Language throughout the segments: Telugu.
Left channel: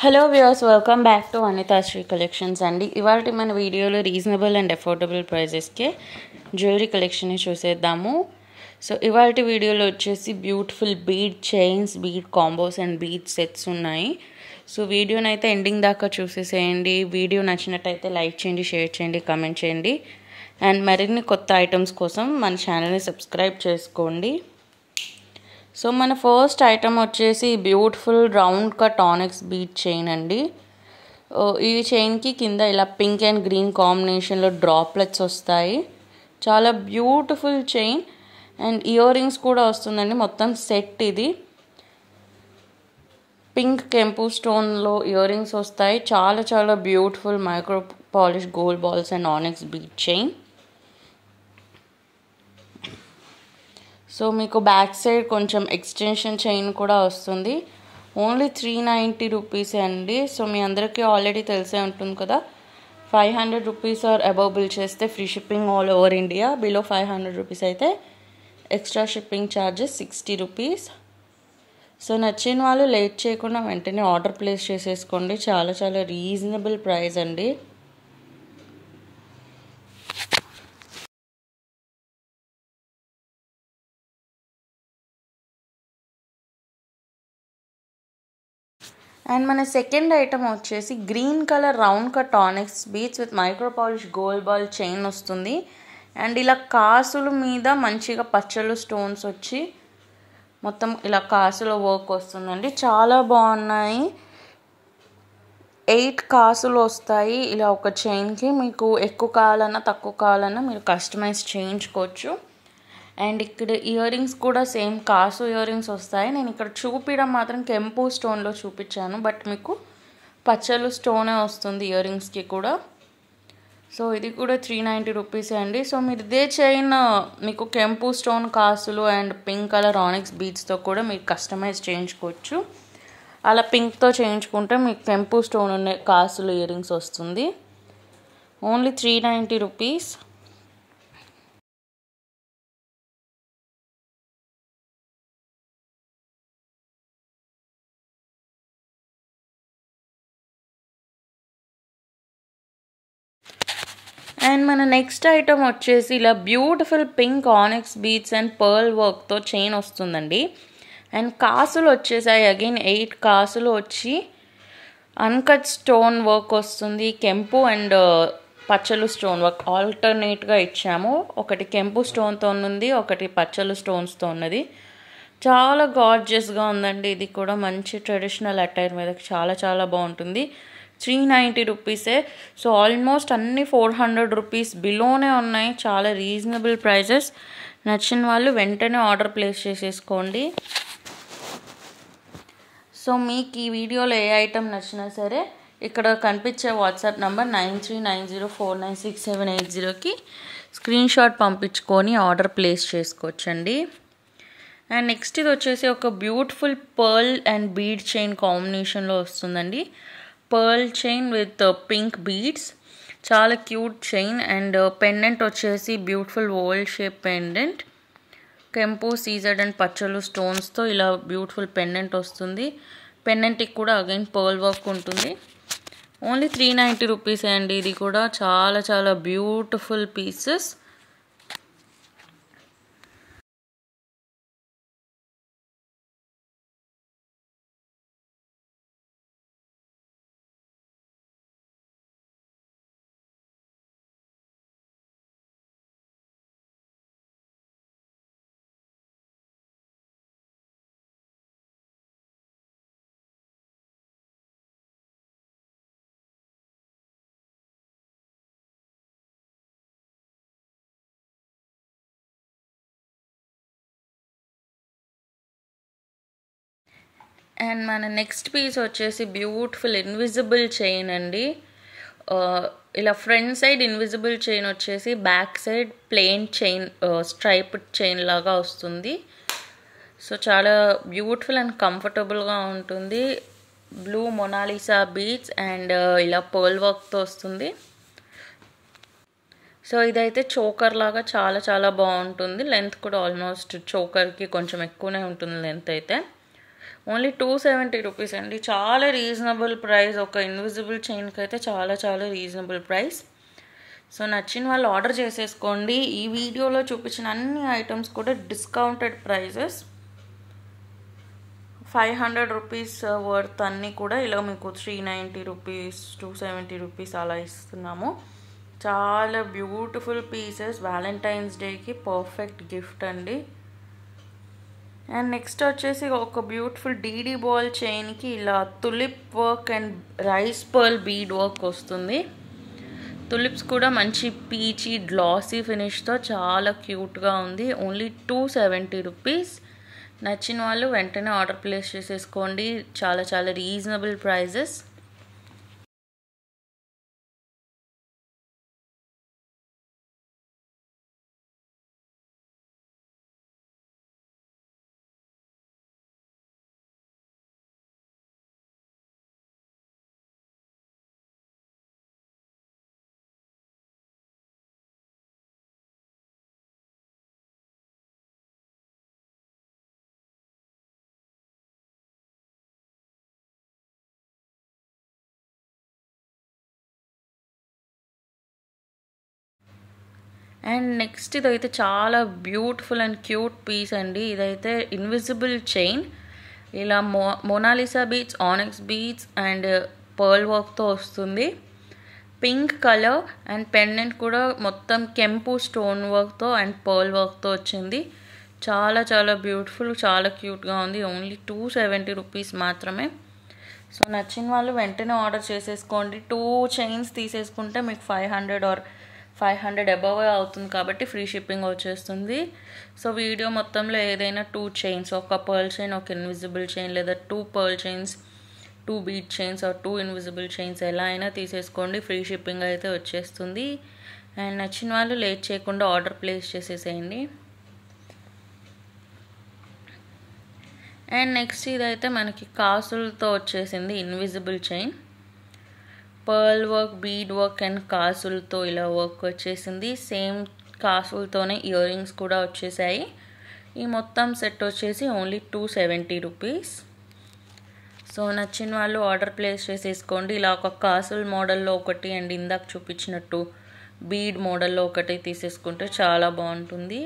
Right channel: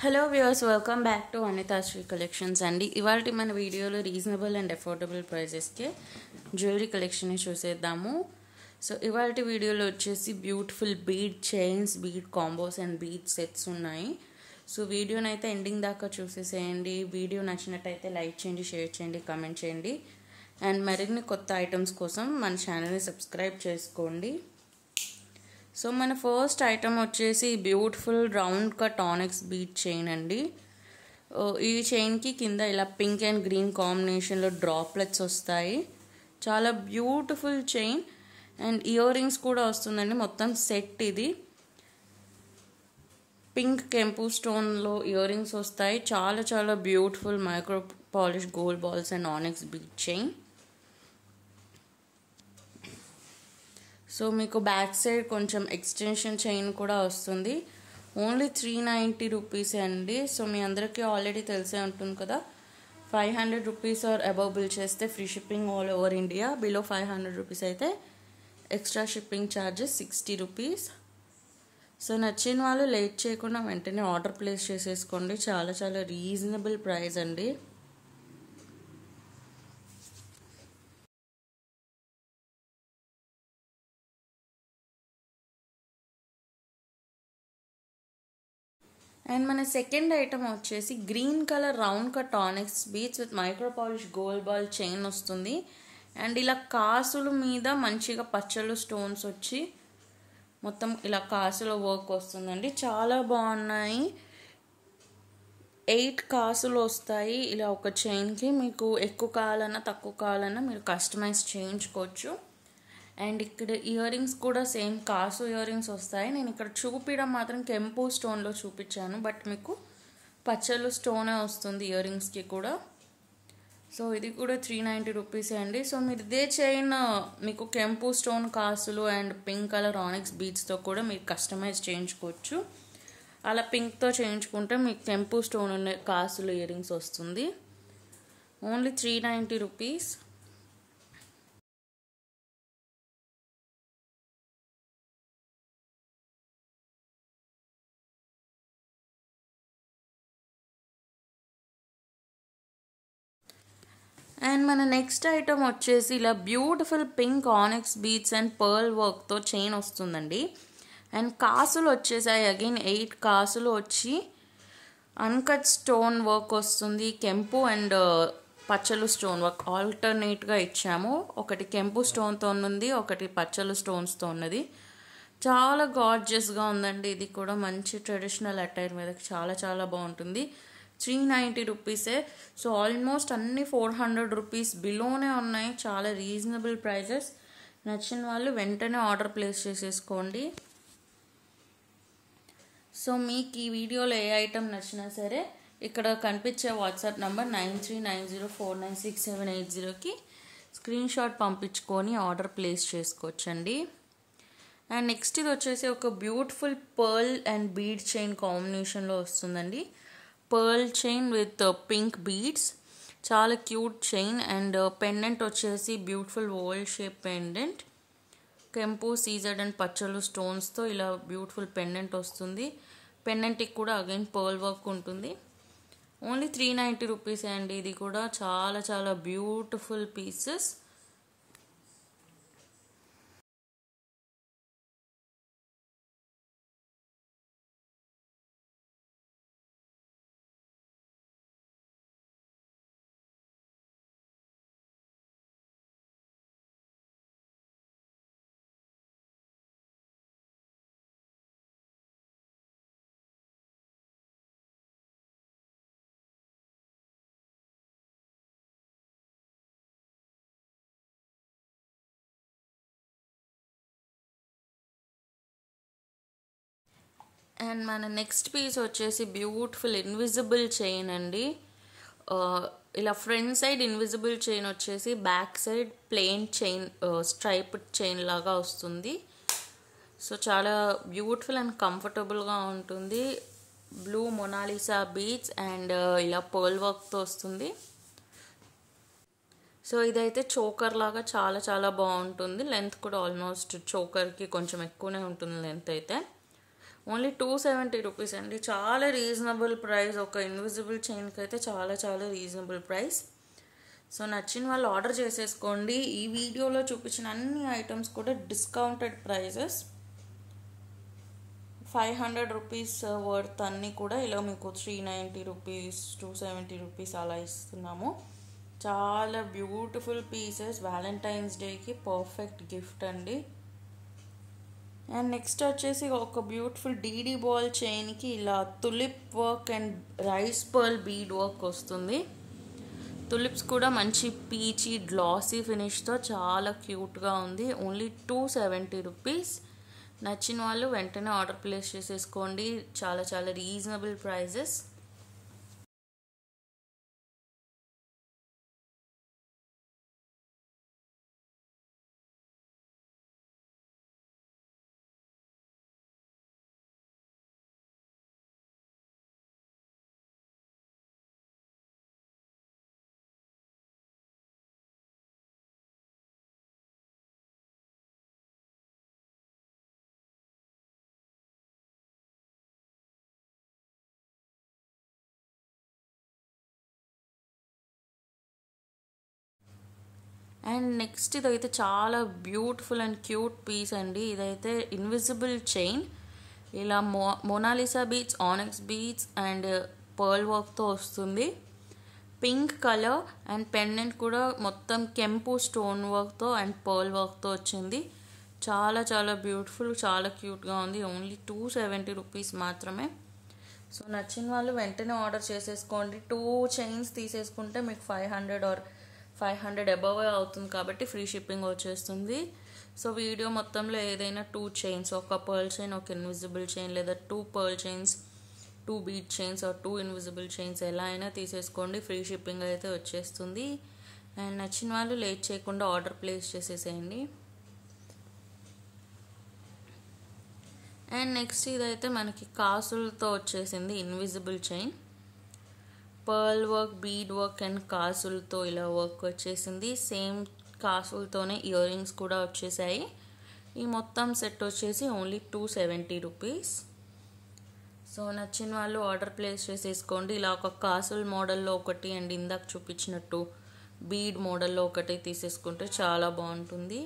Hello viewers, welcome back to Anithasri collections అండి. ఇవాళ మన వీడియోలో రీజనబుల్ అండ్ అఫోర్డబుల్ ప్రైజెస్కే జ్యువెలరీ కలెక్షన్ని చూసేద్దాము. సో ఇవాళ వీడియోలో వచ్చేసి beautiful bead chains, bead combos and bead sets ఉన్నాయి. సో వీడియోని అయితే ఎండింగ్ దాకా చూసేసేయండి. వీడియో నచ్చినట్టయితే లైక్ చేయండి, షేర్ చేయండి, కమెంట్ చేయండి. అండ్ మరిన్ని కొత్త ఐటమ్స్ కోసం మన ఛానల్ని సబ్స్క్రైబ్ చేసుకోండి. సో మన ఫస్ట్ ఐటమ్ వచ్చేసి beautiful round cut onyx bead chain అండి. ఈ చైన్కి కింద ఇలా పింక్ అండ్ గ్రీన్ కాంబినేషన్లో డ్రాప్లెట్స్ వస్తాయి. చాలా beautiful chain and ear rings కూడా వస్తుందండి. మొత్తం సెట్ ఇది. పింక్ కెంపు స్టోన్లో ఇయర్ రింగ్స్ వస్తాయి. చాలా చాలా beautiful micro polish gold balls and onyx bead chain. So మీకు బ్యాక్ సైడ్ కొంచెం ఎక్స్టెన్షన్ చైన్ కూడా వస్తుంది. ఓన్లీ 390 రూపీసే అండి. సో మీ అందరికీ ఆల్రెడీ తెలిసే ఉంటుంది కదా, 500 రూపీస్ ఆర్ అబవ్ బిల్ చేస్తే free shipping all over India. Below 500 rupees అయితే extra shipping charges 60 rupees. So నచ్చిన వాళ్ళు లేట్ చేయకుండా వెంటనే ఆర్డర్ ప్లేస్ చేసేసుకోండి. చాలా చాలా రీజనబుల్ ప్రైస్ అండి. అండ్ మన సెకండ్ ఐటమ్ వచ్చేసి green colour round cut ఆనెక్స్ beads with micro polish gold ball chain వస్తుంది. అండ్ ఇలా కాసుల మీద మంచిగా పచ్చలు స్టోన్స్ వచ్చి మొత్తం ఇలా కాసుల వర్క్ వస్తుందండి. చాలా బాగున్నాయి. 8 కాసులు వస్తాయి ఇలా ఒక చైన్కి. మీకు ఎక్కువ కావాలన్నా తక్కువ కావాలన్నా మీరు కస్టమైజ్ చేయించుకోవచ్చు. అండ్ ఇక్కడ ఇయర్ రింగ్స్ కూడా సేమ్ కాసు ఇయర్ రింగ్స్ వస్తాయి. నేను ఇక్కడ చూపించడం మాత్రం కెంపు స్టోన్లో చూపించాను, బట్ మీకు పచ్చలు స్టోనే వస్తుంది ఇయర్ రింగ్స్కి కూడా. సో ఇది కూడా 390 రూపీసే అండి. సో మీరు ఇదే చైన్ మీకు కెంపు స్టోన్ కాసులు అండ్ పింక్ కలర్ ఆనెక్స్ బీడ్స్తో కూడా మీరు కస్టమైజ్ చేయించుకోవచ్చు. అలా పింక్తో చేయించుకుంటే మీకు కెంపు స్టోన్ ఉన్న కాసులు ఇయర్ రింగ్స్ వస్తుంది. Only 390 rupees. అండ్ మన నెక్స్ట్ ఐటమ్ వచ్చేసి ఇలా beautiful pink ఆనెక్స్ beads and pearl వర్క్తో చైన్ వస్తుందండి. అండ్ కాసులు వచ్చేసాయి. అగైన్ 8 కాసులు వచ్చి అన్కట్ స్టోన్ వర్క్ వస్తుంది. కెంపు అండ్ పచ్చలు స్టోన్ వర్క్ ఆల్టర్నేట్గా ఇచ్చాము. ఒకటి కెంపు స్టోన్తో ఉన్నది, ఒకటి పచ్చలు స్టోన్స్తో ఉన్నది. చాలా గార్జియస్గా ఉందండి. ఇది కూడా మంచి ట్రెడిషనల్ అటైర్ మీద చాలా చాలా బాగుంటుంది. 390 రూపీసే. సో ఆల్మోస్ట్ అన్ని 400 రూపీస్ బిలోనే ఉన్నాయి. చాలా రీజనబుల్ ప్రైజెస్. నచ్చిన వాళ్ళు వెంటనే ఆర్డర్ ప్లేస్ చేసేసుకోండి. సో మీకు ఈ వీడియోలో ఏ ఐటమ్ నచ్చినా సరే ఇక్కడ కనిపించే వాట్సాప్ నంబర్ 9390496780కి స్క్రీన్ షాట్ పంపించుకొని ఆర్డర్ ప్లేస్ చేసుకోవచ్చండి. అండ్ నెక్స్ట్ ఇది వచ్చేసి ఒక beautiful pearl and bead chain కాంబినేషన్లో వస్తుందండి. Pearl chain with pink beads, చాలా క్యూట్ చైన్. అండ్ పెండెంట్ వచ్చేసి బ్యూటిఫుల్ ఓవల్ షేప్ పెండెంట్, కెంపు సీజర్డ్ అండ్ పచ్చలు స్టోన్స్తో ఇలా బ్యూటిఫుల్ పెండెంట్ వస్తుంది. పెండెంట్కి కూడా అగైన్ పర్ల్ వర్క్ ఉంటుంది. ఓన్లీ 390 రూపీసే అండి. ఇది కూడా చాలా చాలా బ్యూటిఫుల్ పీసెస్. అండ్ మన నెక్స్ట్ పీస్ వచ్చేసి బ్యూటిఫుల్ ఇన్విజిబుల్ చైన్ అండి. ఇలా ఫ్రంట్ సైడ్ ఇన్విజిబుల్ చైన్ వచ్చేసి back side plain chain striped chain లాగా వస్తుంది. సో చాలా బ్యూటిఫుల్ అండ్ కంఫర్టబుల్గా ఉంటుంది. బ్లూ మొనాలిసా బీడ్స్ అండ్ ఇలా పర్ల్ వర్క్తో వస్తుంది. సో ఇదైతే చోకర్ లాగా చాలా చాలా బాగుంటుంది. లెంత్ కూడా ఆల్మోస్ట్ చోకర్కి కొంచెం ఎక్కువనే ఉంటుంది లెంత్ అయితే. ఓన్లీ 270 రూపీస్ అండి. చాలా రీజనబుల్ ప్రైస్. ఒక ఇన్విజిబుల్ చైన్కి అయితే చాలా చాలా రీజనబుల్ ప్రైస్. సో నచ్చిన వాళ్ళు ఆర్డర్ చేసేసుకోండి. ఈ వీడియోలో చూపించిన అన్ని ఐటమ్స్ కూడా డిస్కౌంటెడ్ ప్రైజెస్. 500 రూపీస్ వర్త్ అన్నీ కూడా ఇలా మీకు 390 రూపీస్, 270 రూపీస్ అలా ఇస్తున్నాము. చాలా బ్యూటిఫుల్ పీసెస్. వ్యాలంటైన్స్ డేకి పర్ఫెక్ట్ గిఫ్ట్ అండి. అండ్ నెక్స్ట్ వచ్చేసి ఒక బ్యూటిఫుల్ డీడీ బాల్ చైన్కి ఇలా tulip work and rice pearl bead work వస్తుంది. తులిప్స్ కూడా మంచి పీచీ గ్లాసీ ఫినిష్తో చాలా క్యూట్గా ఉంది. Only 270 rupees. నచ్చిన వాళ్ళు వెంటనే ఆర్డర్ ప్లేస్ చేసేసుకోండి. చాలా చాలా రీజనబుల్ ప్రైజెస్. అండ్ నెక్స్ట్ ఇదైతే చాలా బ్యూటిఫుల్ అండ్ క్యూట్ పీస్ అండి. ఇదైతే ఇన్విజిబుల్ చైన్. ఇలా Mona Lisa beads, ఆనెక్స్ beads and pearl వర్క్తో వస్తుంది. పింక్ కలర్ అండ్ పెండెంట్ కూడా మొత్తం కెంపు స్టోన్ వర్క్తో అండ్ పర్ల్ వర్క్తో వచ్చింది. చాలా చాలా బ్యూటిఫుల్, చాలా క్యూట్గా ఉంది. ఓన్లీ 270 రూపీస్ మాత్రమే. సో నచ్చిన వాళ్ళు వెంటనే ఆర్డర్ చేసేసుకోండి. 2 చైన్స్ తీసేసుకుంటే మీకు 500 అబవ్ అవుతుంది కాబట్టి ఫ్రీ షిప్పింగ్ వచ్చేస్తుంది. సో వీడియో మొత్తంలో ఏదైనా 2 చైన్స్, ఒక పర్ల్ చైన్, ఒక ఇన్విజిబుల్ చైన్, లేదా 2 pearl chains, 2 bead chains or 2 invisible chains ఎలా అయినా తీసేసుకోండి. ఫ్రీ షిప్పింగ్ అయితే వచ్చేస్తుంది. అండ్ నచ్చిన వాళ్ళు లేట్ చేయకుండా ఆర్డర్ ప్లేస్ చేసేసేయండి. అండ్ నెక్స్ట్ ఇదైతే మనకి కాసులతో వచ్చేసింది invisible chain. Pearl work, bead work and కాసులతో ఇలా వర్క్ వచ్చేసింది. సేమ్ కాసులతోనే ఇయర్ రింగ్స్ కూడా వచ్చేసాయి. ఈ మొత్తం సెట్ వచ్చేసి ఓన్లీ 270 రూపీస్. సో నచ్చిన వాళ్ళు ఆర్డర్ ప్లేస్ చేసేసుకోండి. ఇలా ఒక కాసుల మోడల్లో ఒకటి అండ్ ఇందాక చూపించినట్టు బీడ్ మోడల్లో ఒకటి తీసేసుకుంటే చాలా బాగుంటుంది.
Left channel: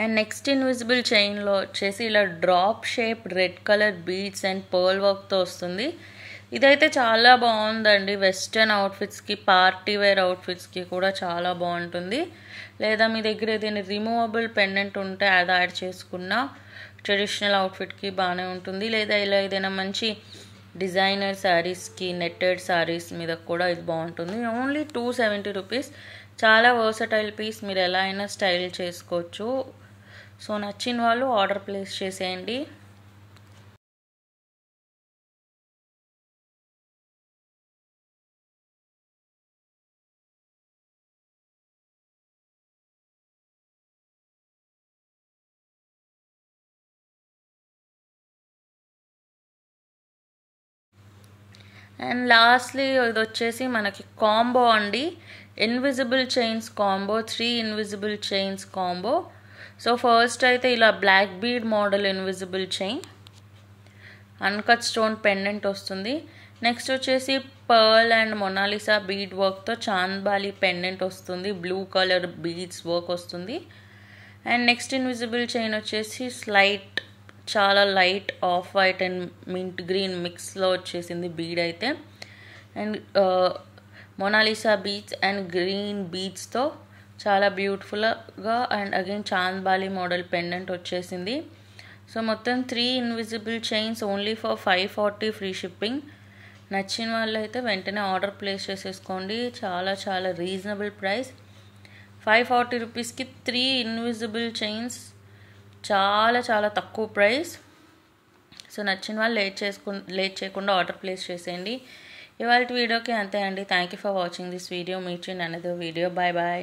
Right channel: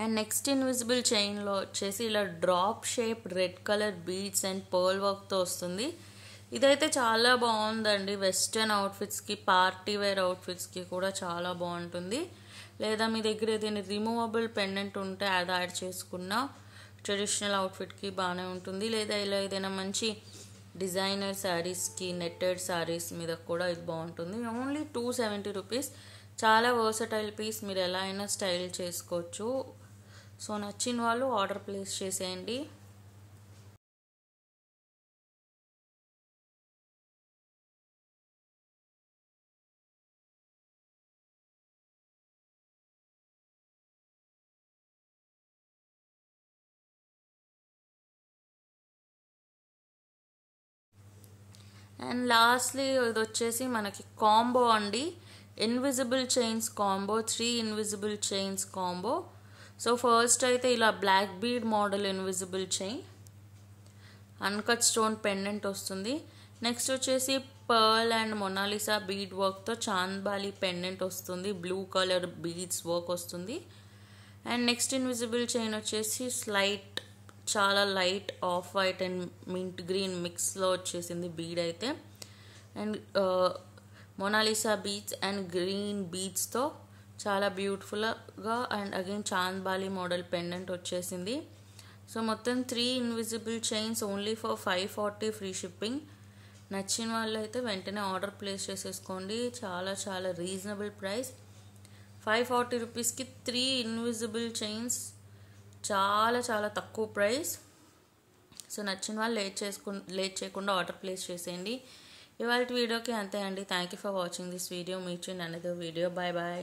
అండ్ నెక్స్ట్ ఇన్విజిబుల్ చైన్లో వచ్చేసి ఇలా drop shape red colour beads and pearl వర్క్తో వస్తుంది. ఇదైతే చాలా బాగుందండి. వెస్టర్న్ అవుట్ఫిట్స్కి, పార్టీ వేర్ అవుట్ఫిట్స్కి కూడా చాలా బాగుంటుంది. లేదా మీ దగ్గర ఏదైనా రిమూవబుల్ పెండెంట్ ఉంటే అది యాడ్ చేసుకున్న ట్రెడిషనల్ అవుట్ఫిట్కి బాగానే ఉంటుంది. లేదా ఇలా ఏదైనా మంచి డిజైనర్ శారీస్కి, నెట్టెడ్ శారీస్ మీద కూడా ఇది బాగుంటుంది. Only 270 rupees. చాలా వర్సటైల్ పీస్. మీరు ఎలా అయినా స్టైల్ చేసుకోవచ్చు. సో నచ్చిన వాళ్ళు ఆర్డర్ ప్లేస్ చేసేయండి. అండ్ లాస్ట్లీ ఇది వచ్చేసి మనకి కాంబో అండి. Invisible chains combo, 3 invisible chains combo. So first అయితే ఇలా black bead model invisible chain, uncut stone pendant వస్తుంది. నెక్స్ట్ వచ్చేసి పర్ల్ అండ్ మొనాలిసా బీడ్ వర్క్తో చాంద్బాలి పెండెంట్ వస్తుంది. బ్లూ కలర్ బీడ్స్ వర్క్ వస్తుంది. అండ్ నెక్స్ట్ ఇన్విజిబుల్ చైన్ వచ్చేసి చాలా light of white and mint green మిక్స్లో వచ్చేసింది బీడ్ అయితే. And Mona Lisa beads and green బీడ్స్తో చాలా బ్యూటిఫుల్గా and again Chandbali model pendant వచ్చేసింది. సో మొత్తం 3 invisible chains only for 540 free shipping. నచ్చిన వాళ్ళు అయితే వెంటనే ఆర్డర్ ప్లేస్ చేసేసుకోండి. చాలా చాలా రీజనబుల్ ప్రైస్. 540 రూపీస్కి 3 ఇన్విజిబుల్ చైన్స్ చాలా చాలా తక్కువ ప్రైస్. సో నచ్చిన వాళ్ళు లేట్ చేయకుండా ఆర్డర్ ప్లేస్ చేసేయండి. ఇవాళ వీడియోకి అంతే అండి. Thank you for watching this video. Meet you in another video. Bye bye.